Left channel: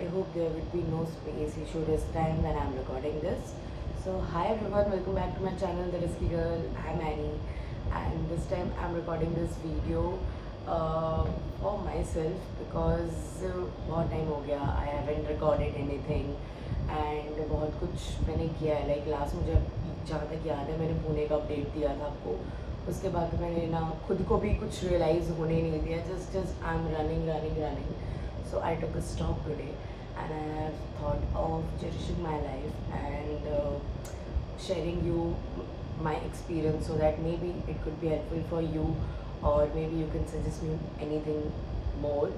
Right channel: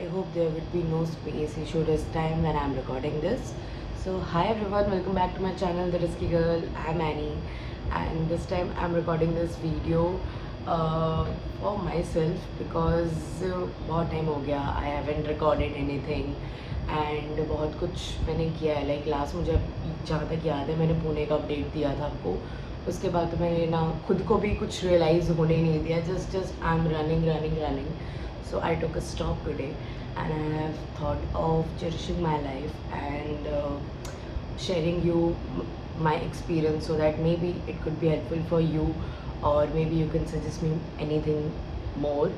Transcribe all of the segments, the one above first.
I hope there would be no space issue this time when I'm recording this. So hi everyone, welcome back to my channel, The Risky Girl. I'm Annie, and this time I'm recording this video for myself because बहुत time हो गया. I haven't recorded anything and बहुत कुछ मैंने किया है. Like last मुझे जहाँ तक याद है मैंने पुणे का अपडेट दिया था आपको. उसके बाद तो मैंने ना खुद को भी कुछ रियलाइज़ होने नहीं दिया. Just I'm running. So I took a stop today and I have thought of cherishing my life and sharing you my experience so that maybe it could be helpful for you or maybe you can suggest me anything more.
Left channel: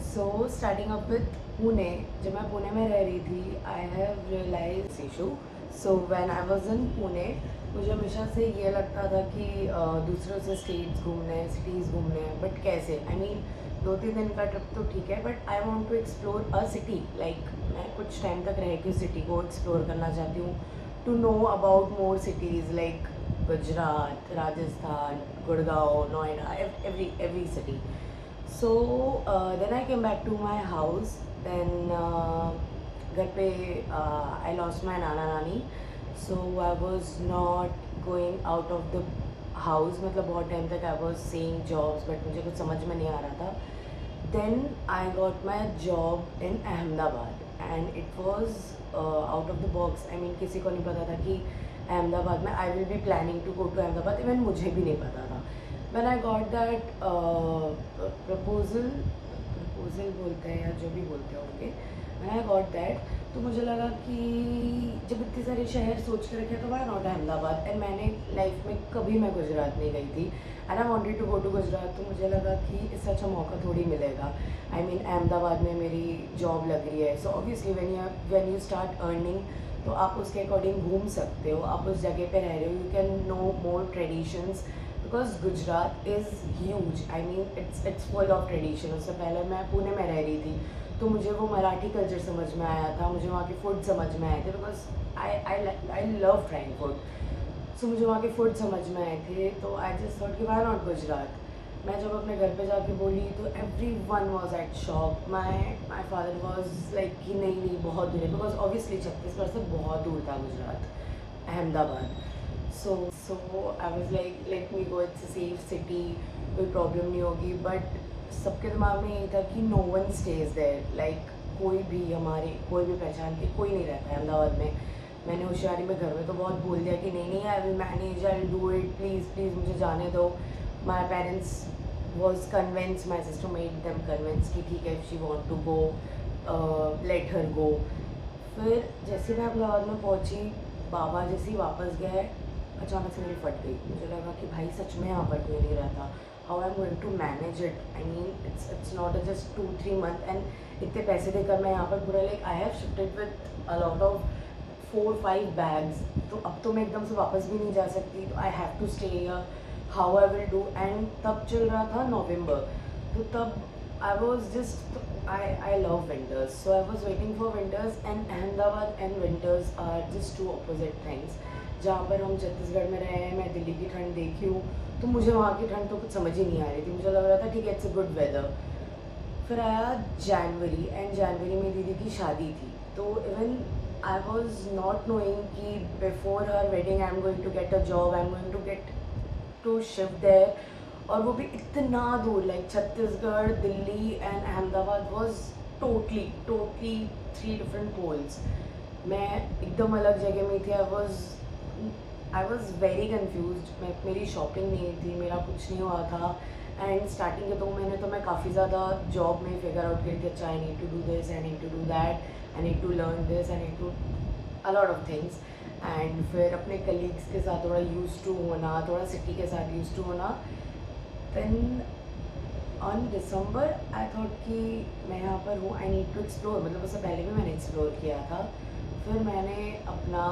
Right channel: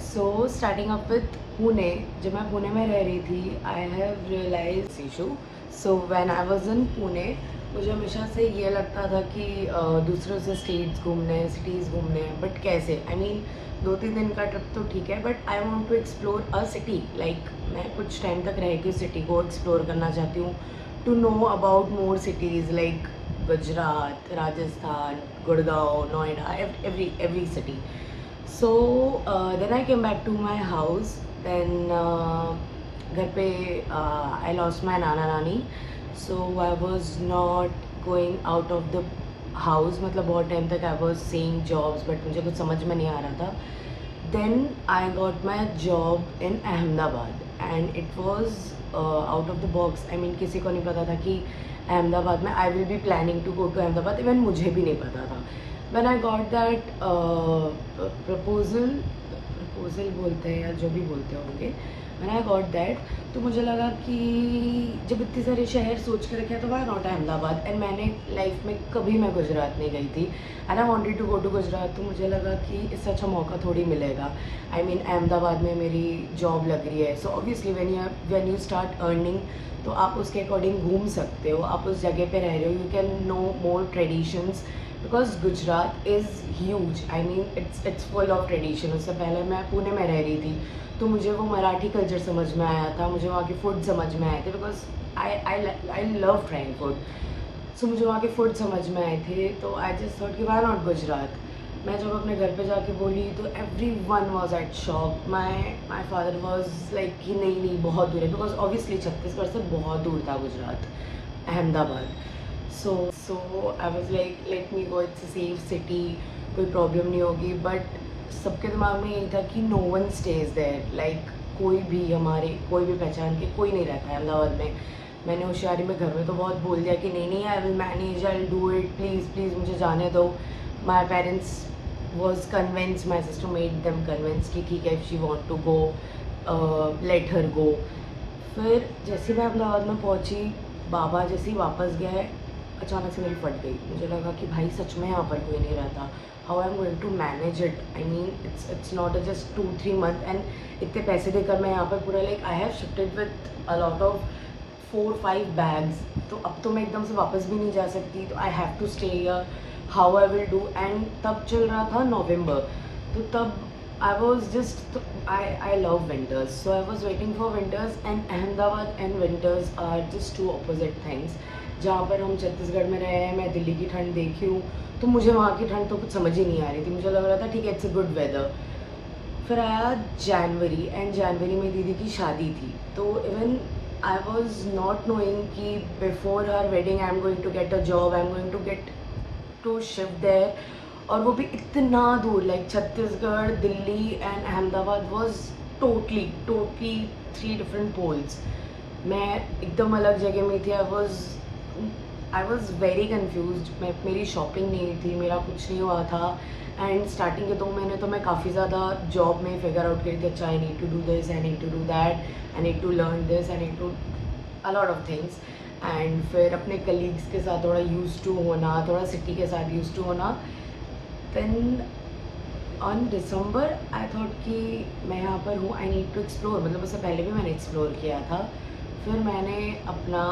So starting up with Pune, जब मैं पुणे में रह रही थी I have realized issue. So when I was in Pune मुझे हमेशा से ये लगता था कि दूसरों से स्टेट्स घूमने सिटीज़ घूमने बट कैसे आई मीन 2-3 दिन का ट्रिप तो ठीक है but I want to explore a city like मैं कुछ टाइम तक रह के सिटी को एक्सप्लोर करना चाहती हूँ to know about more cities like Gujarat Rajasthan Gurgaon Noida every city so then I came back to my house then घर पे आई लॉस्ट माई नाना नानी so I was not going out of the house मतलब बहुत टाइम तक I was saying jobs but मुझे कुछ समझ में नहीं आ रहा था then I got my job in Ahmedabad and it was out of the box I mean किसी को नहीं पता था कि अहमदाबाद में I will be planning to go to Ahmedabad even मुझे भी नहीं पता था when I got that proposal बोलते हैं या जो भी बोलते होंगे व्हेन आई गॉट दैट तो मुझे लगा कि जब इतने सारे शहर सोच के रखे तो वाई नॉट अहमदाबाद एंड मैंने लाइफ में कभी मैं गुजरात नहीं गई थी and I wanted to go to Gujarat तो मुझे लगा कि इससे अच्छा मौका थोड़ी मिलेगा आई मीन अहमदाबाद में मेरी जॉब लग रही है so obviously when you start earning तो आप उसके अकॉर्डिंग घूम सकते हो आप उस जगह पे रह रहे हो you can know more traditions because Gujarat is huge I mean it's full of tradition उससे पहले मैं पुणे में रह रही थी तो मुझे वो मराठी कल्चर समझ में आया था मुझे वहाँ के फूड समझ में आए थे because I love trying food so मुझे वहाँ के फूड समझ में आए थे तो आई जस्ट थॉट कि वाई नॉट गुजरात मैं जब अपने घर पे जाके बोली तो every one was at shock my father was like कि नहीं बहुत दूर है बिकॉज ऑब्वियसली छत्तीसगढ़ से बहुत दूर था Gujarat Ahmedabad so I was like let me go it's a safe city कोई प्रॉब्लम नहीं होगी बट सबके दिमाग में यही था कि no one stays there like कोई भी पहचान के कोई नहीं रहता है अहमदाबाद में मैंने होशियारी में घर में तो बहुत बोल दिया कि नहीं I will manage I will do it please मुझे जाने दो my parents was convince my sister made them convince कि ठीक है if she want to go let her go फिर जैसे मैं अहमदाबाद में पहुँची बाबा जैसे ही वापस गए अचानक से मेरी फट गई मुझे लगा कि भाई सच में यहाँ पर कोई नहीं रहता how I am going to manage it I mean it's not just 2-3 month and इतने पैसे देकर मैं यहाँ पर पूरा like I have shifted with a lot of 4-5 bags तो अब तो मैं एकदम से वापस भी नहीं जा सकती तो I have to stay here how I will do and तब चल रहा था नवंबर तो तब I was just I love winters so I was waiting for winters and Ahmedabad and winters are just 2 opposite things जहाँ पर हम छत्तीसगढ़ में रहे हैं मैं दिल्ली की ठंड देखी हूँ तो मुझे वहाँ की ठंड तो कुछ समझ ही नहीं आ रही थी मुझे लग रहा था ठीक है इट्स अ गुड वेदर फिर आया जनवरी एंड जनवरी में दीदी की शादी थी तो even I was not knowing कि before her wedding I am going to get a job I am going to get to shift there और वो भी इतना दूर like Chhattisgarh Delhi and Ahmedabad was totally 3 different poles मैं एकदम अलग जगह में थी आई वॉज वेरी कन्फ्यूज मेरी शॉपिंग नहीं थी मेरा कुछ नहीं हुआ था एंड स्टार्टिंग के 2 महीने तो मैं काफ़ी ज़्यादा जॉब में फिगर आउट करी थी अच्छा I need to do this I need to do that I need to learn this I need to a lot of things and फिर अपने कलीग्स के साथ थोड़ा यूज टू होना थोड़ा सिटी के साथ यूज टू होना then on December I thought कि मैं यहाँ पर हूँ आई नीड टू एक्सप्लोर मतलब उससे पहले भी मैंने एक्सप्लोर किया था फिर मैंने अपना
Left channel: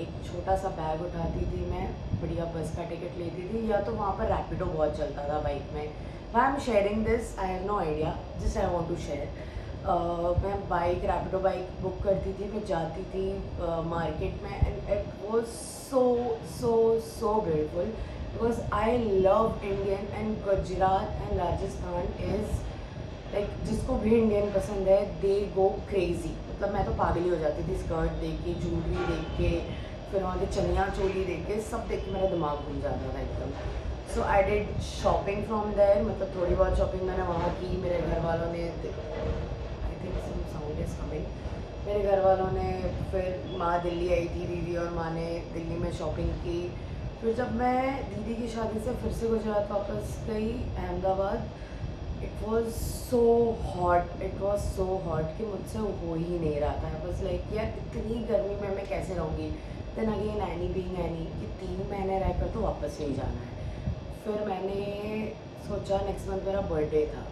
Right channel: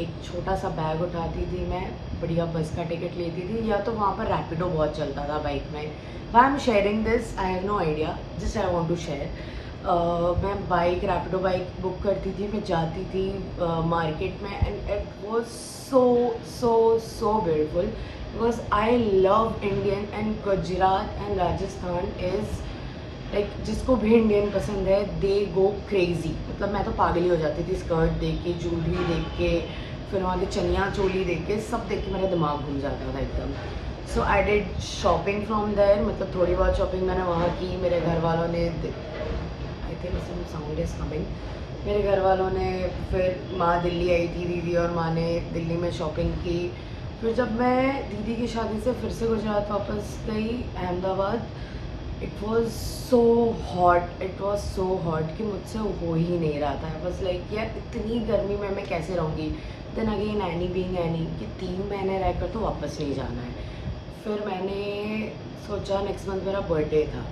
एक छोटा सा बैग उठाती थी मैं बढ़िया बस का टिकट लेती थी या तो वहाँ पर रैपिडो बहुत चलता था बाइक में why am sharing this I have no idea just I want to share मैं बाइक रैपिडो बाइक बुक करती थी मैं जाती थी मार्केट में एंड इट वाज so ब्यूटीफुल because I love Indian and Gujarat and Rajasthan is like जिसको भी इंडियन पसंद है दे गो क्रेजी, मतलब मैं तो पागल ही हो जाती थी स्कर्ट देख के, ज्वेलरी देख के, फिर वहाँ की चनिया चोली देख के, सब देख के मेरा दिमाग घूम जाता था एकदम। So I did shopping from there, मतलब थोड़ी बहुत शॉपिंग मैंने वहाँ की। मेरे घर वालों ने, I think some sound is coming, मेरे घर वालों ने, फिर माँ दिल्ली आई थी, दीदी और माँ ने दिल्ली में शॉपिंग की। फिर जब मैं दीदी की शादी से फिर से गुजरात वापस गई Ahmedabad, it was so hot, it was so hot कि मुझसे हो ही नहीं रहा था। बस लाइक यार इतनी गर्मी में मैं कैसे रहूँगी। Then again any being any कि 3 महीने रहकर तो वापस नहीं जाना है। फिर मैंने सोचा, नेक्स्ट मंथ मेरा बर्थडे था,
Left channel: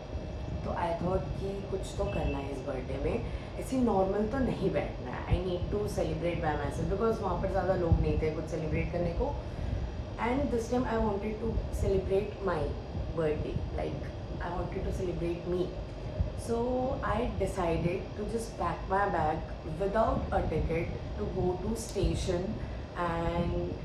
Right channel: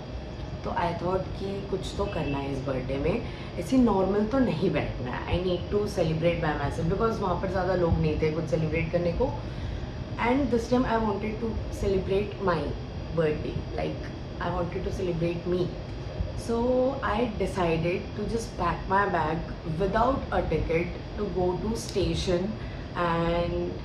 तो आई थॉट कि कुछ तो करना है इस बर्थडे में, ऐसी नॉर्मल तो नहीं बैठना है। I need to celebrate by myself, because वहाँ पर ज़्यादा लोग नहीं थे कुछ सेलिब्रेट करने को। And this time I wanted to celebrate my birthday, like I wanted to celebrate me. So I decided to just pack my bag without a ticket to go to station and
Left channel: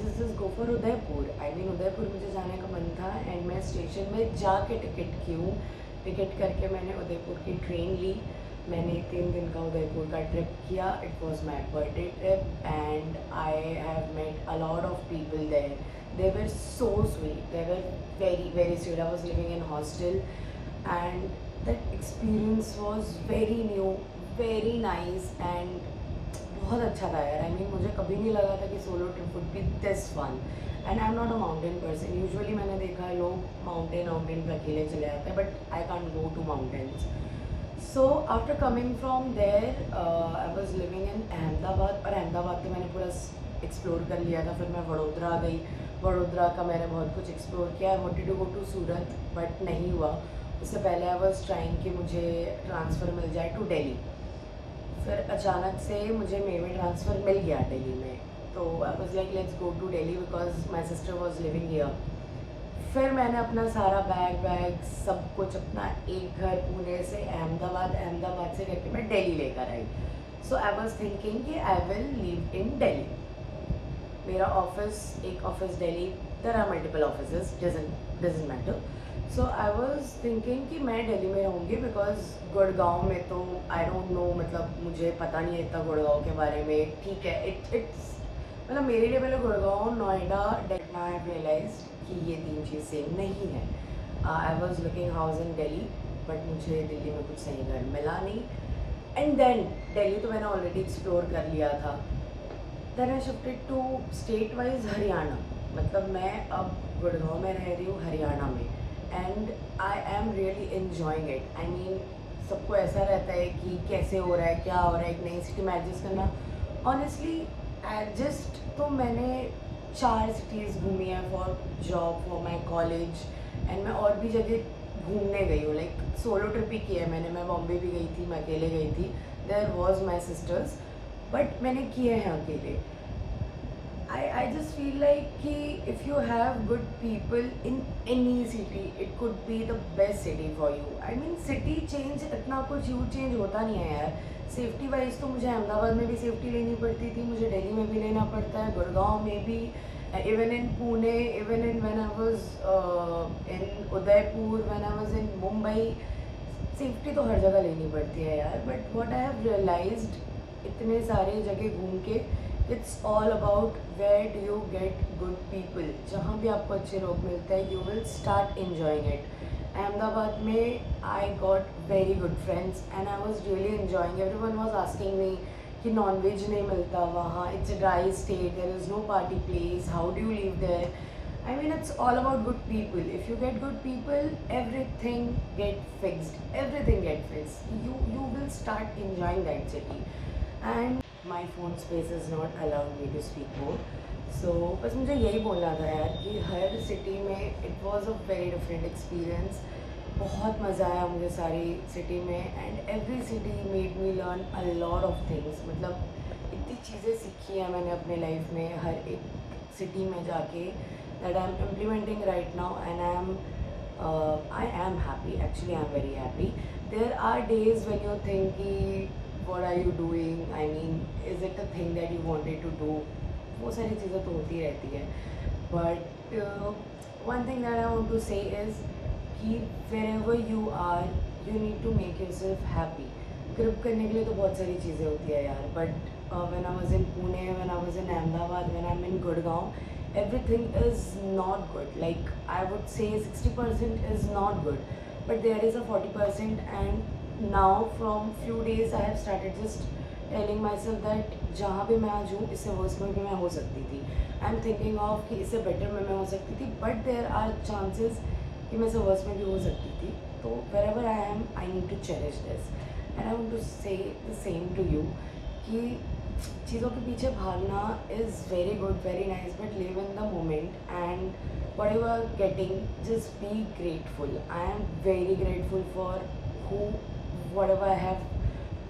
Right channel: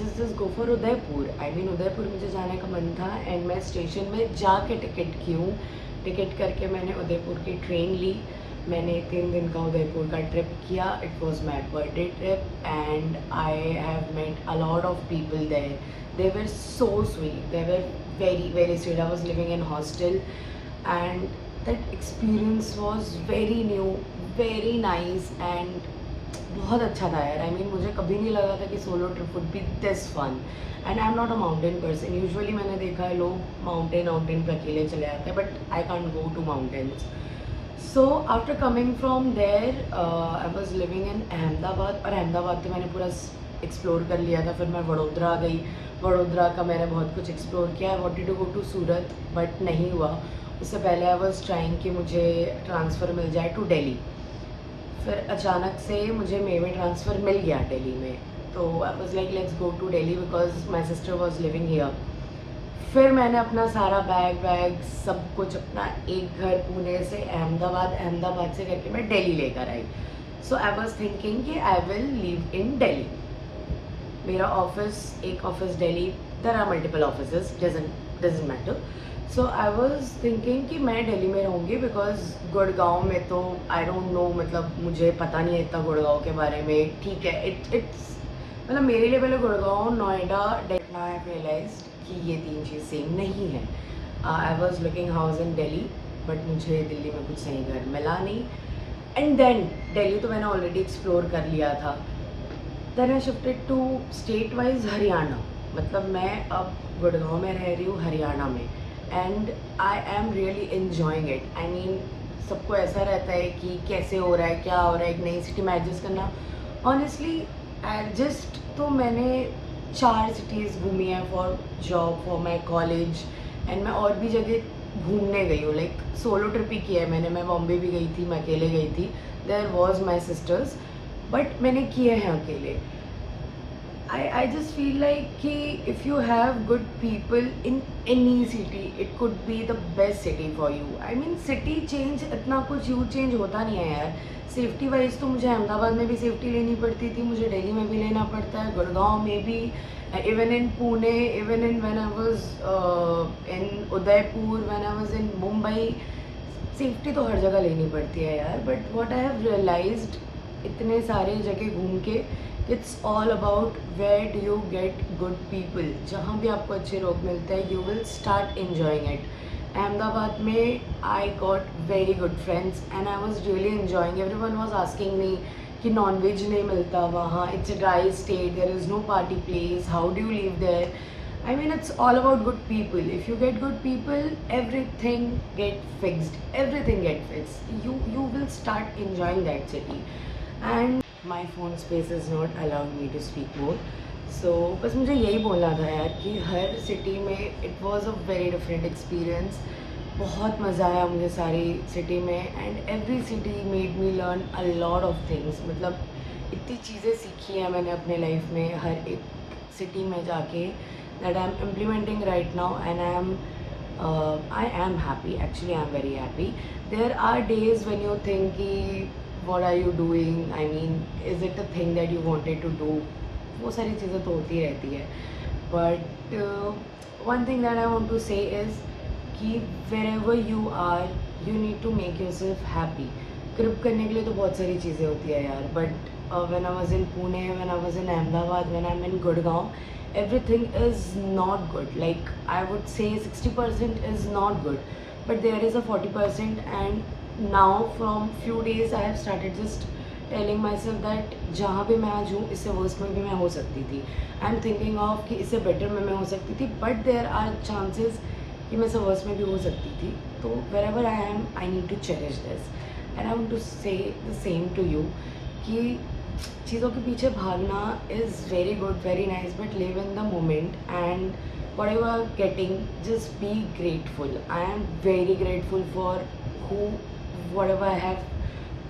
just go for Udaipur. I mean Udaipur मुझे जाने का मन था and मैं station में जाके ticket की हूँ। टिकट करके मैंने उदयपुर की ट्रेन ली। मैंने 3 दिन का उदयपुर का ट्रिप किया। It was my birthday trip and I have met a lot of people there. They were so sweet, they were very very sweet. I was living in hostel and that experience was very new, very nice and बहुत अच्छा था यार। I mean मुझे कभी नहीं लगा था कि solo trip would be this fun and I'm not a mountain person. Usually मैंने देखा है लोग माउंटेन पर अकेले चले जाते हैं, but I can't go to mountains. So after coming from there, I was living in Ahmedabad, और अहमदाबाद तो मैंने पूरा एक्सप्लोर कर लिया था। फिर मैं वडोदरा गई, वडोदरा का मैंने बहुत कुछ एक्सप्लोर किया। I wanted to go to Surat but नहीं हुआ। उससे पहले आई वॉज ट्राइंग कि मुझे ट्रांसफ़र मिल जाए टू दिल्ली। फिर अचानक से मुझे मे में ट्रांसफ़र मिल गया दिल्ली में, तो I was like let's go to Delhi because my sister was living here. फिर मैंने अपना सारा बैग सब कुछ, अपना एक घर पुणे से अहमदाबाद, अहमदाबाद से करके मैं दिल्ली लेकर आई। सो आई वॉज थिंकिंग कि I will live in Delhi. मेरा ऑफिस, एक office Delhi, there are multiple offices, doesn't matter. So I was thinking कि मैं दिल्ली में रहूँगी बिकॉज गुड़गांव में तो आई डोंट नो, मतलब मुझे पता नहीं है इतना गुड़गांव के बारे में। ठीक है, इट्स मतलब मेरे लिए पहले गुड़गांव, नोएडा, दिल्ली। आई रियलाइज्ड कि ये 3 चीज़ सेम नहीं है। I was looking house in Delhi but मुझे दिल्ली में कुछ सही घर मिला नहीं। एंड देन दिल्ली तो मैंने ऑलरेडी एक्सप्लोर कर लिया था। Then I shifted to state wise Haryana, मतलब मैं अब गुड़गांव में रह रही हूँ हरियाणा में and I am really enjoying it. I mean सबको ऐसा रहता है कि कैसे हो रहा है, क्या हो रहा है, एक नई सिटी में एडजस्ट करना। ऑनेस्टली एडजस्ट तो मैंने 4 सिटीज़ घूमी है for job, for my college and मैं और भी जगह घूमने गई हूँ। लाइक सोलो ट्रिप ही किया है मैंने। मैं बॉम्बे भी गई थी, मैं अकेले गई थी। There was my sisters, but मैंने किए हैं अकेले। I just feel like कि if you have good people in any city, it could be the best city for you. I mean city change इतना कुछ ह्यूज चेंज होता नहीं है यार। सेफ्टी वाइज तो मुझे अहमदाबाद में भी सेफ्टी लेनी पड़ती थी, मुझे दिल्ली में भी लेना पड़ता है, गुड़गांव में भी, even in Pune, even in when I was in Udaipur, when I was in Mumbai, safety तो हर जगह लेनी पड़ती है यार। But what I have realized इतने सारे जगह घूम के, it's all about where do you get good people. जहाँ भी आपको अच्छे लोग मिलते हैं, you will start enjoying it. Ahmedabad में I got very good friends and I was really enjoying. Every one was asking me कि नॉन वेज नहीं मिलता वहाँ, it's a dry state, there is no party place, how do you live there. I mean it's all about good people. If you get good people, everything get fixed. Everything get fixed. You will start enjoying that city. And my phone space is not allowing me to speak more. So बस मुझे यही बोलना था यार कि हर city में it was a very different experience. बहुत मज़ा आया मुझे सारी सिटी में and every city made me learn a lot of things. मतलब इतनी चीज़ें सीखी हैं मैंने अपने लाइफ में हर एक सिटी में जाके, that I'm implementing right now and I am happy. Actually I am very happy. There are days when you think कि what are you doing, I mean is it a thing that you wanted to do, वो सारी चीज़ें तो होती रहती है। But one thing that I want to say is कि wherever you are you need to make yourself happy. Grip करने के लिए तो बहुत सारी चीज़ें होती है यार, but when I was in Pune, when I was in Ahmedabad, when I'm in Gurgaon, everything is not good. Like I would say 60% is not good, but there is a 40%. And now from few days I have started just telling myself that जहाँ भी मैं आज हूँ इससे worst में भी मैं हो सकती थी. आई एम थिंकिंग ऑफ कि इससे बेटर में मैं हो सकती थी, बट देयर आर चांसेस कि मैं इससे वर्स्ट में भी हो सकती थी. तो wherever I am, I need to cherish this. And I want to say the same to you कि चीज़ों के पीछे भागना is very good, very nice, but live in the moment and whatever you're getting, just be grateful. I am very grateful for whatever I have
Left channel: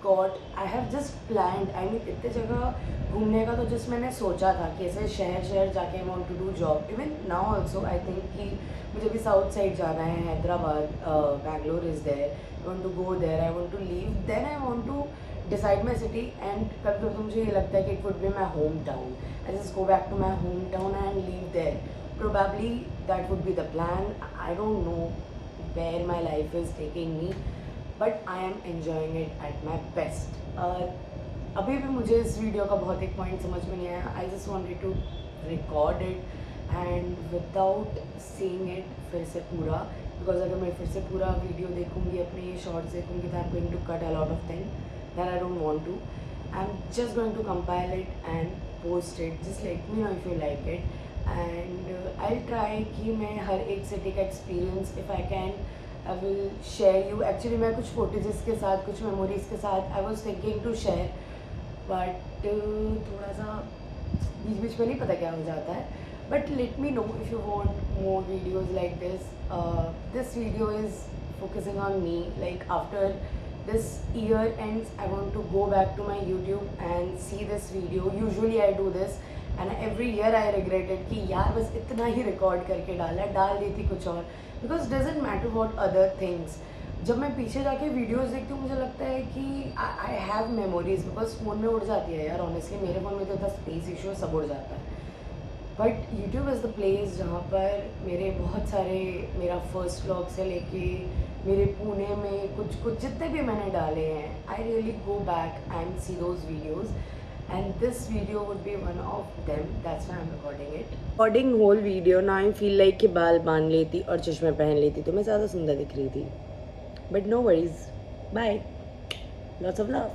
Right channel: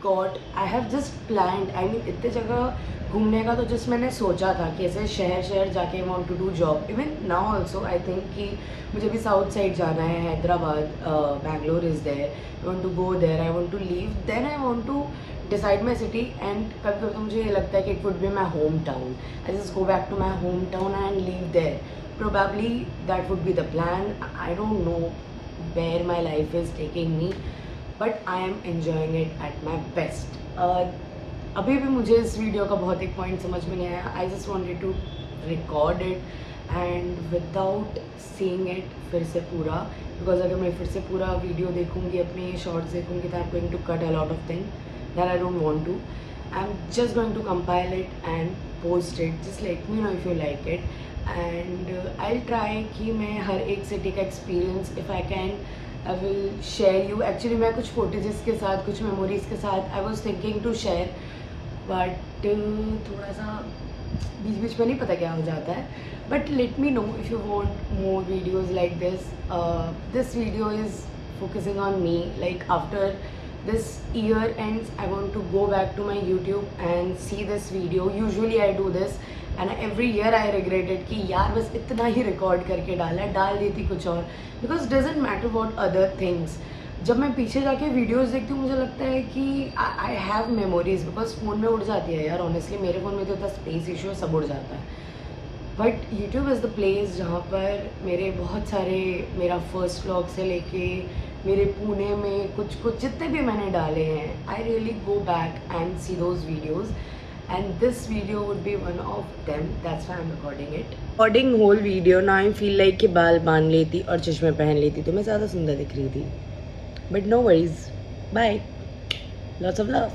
got. I have just planned. I mean इतने जगह घूमने का तो just मैंने सोचा था कि ऐसे शहर जाके I want to do job. Even now also I think कि मुझे भी साउथ साइड जाना है, Hyderabad, Bangalore is there. I want to go there. I want to leave. Then I want to decide my city. And कभी कभी तो मुझे ये लगता है कि it would be my hometown. I just go back to my hometown and live there. Probably that would be the plan. I don't know where my life is taking me, but I am enjoying it at my best. अभी भी मुझे इस video का बहुत एक point समझ में नहीं आया. I just wanted to record it and without seeing it फिर से पूरा, बिकॉज अगर मैं फिर से पूरा वीडियो देखूँगी, अपने शॉर्ट्स देखूँगी, तो I am going to cut a lot of thing that I don't want to. I am just going to compile it and post it. Just let me know if you like it. And I try कि मैं हर एक city का experience if I can I will share you. Actually मैं कुछ footages के साथ, कुछ मेमोरीज के साथ I was thinking to share, but थोड़ा सा बीच में नहीं पता क्या हो जाता है. But let me know if you want more videos like this. This video is focusing on me. Like after this year ends, I want to go back to my YouTube and see this video. Usually I do this and every year I regret it कि यार बस इतना ही record करके डाल देती कुछ और. Because doesn't matter what other things. जब मैं पीछे जाके वीडियोस देखती हूँ मुझे लगता है कि I have memories, because phone में उड़ जाती है यार. ऑनेस्टली मेरे फ़ोन में तो इतना स्पेस इशू है, सब उड़ जाता है. But YouTube is the place जहाँ पर मेरे बहुत सारे, मेरा फर्स्ट व्लॉग से लेके मेरे पुणे में कुछ जितने भी मैंने डाले हैं, I really go back and see those videos. And this video would be one of them. That's why I am recording it. Recording whole video ना आई फील लाइक कि बाल बांध लेती और चश्मे पहन लेती तो मैं ज़्यादा सुंदर दिख रही थी. But no worries. Bye. Lots of love.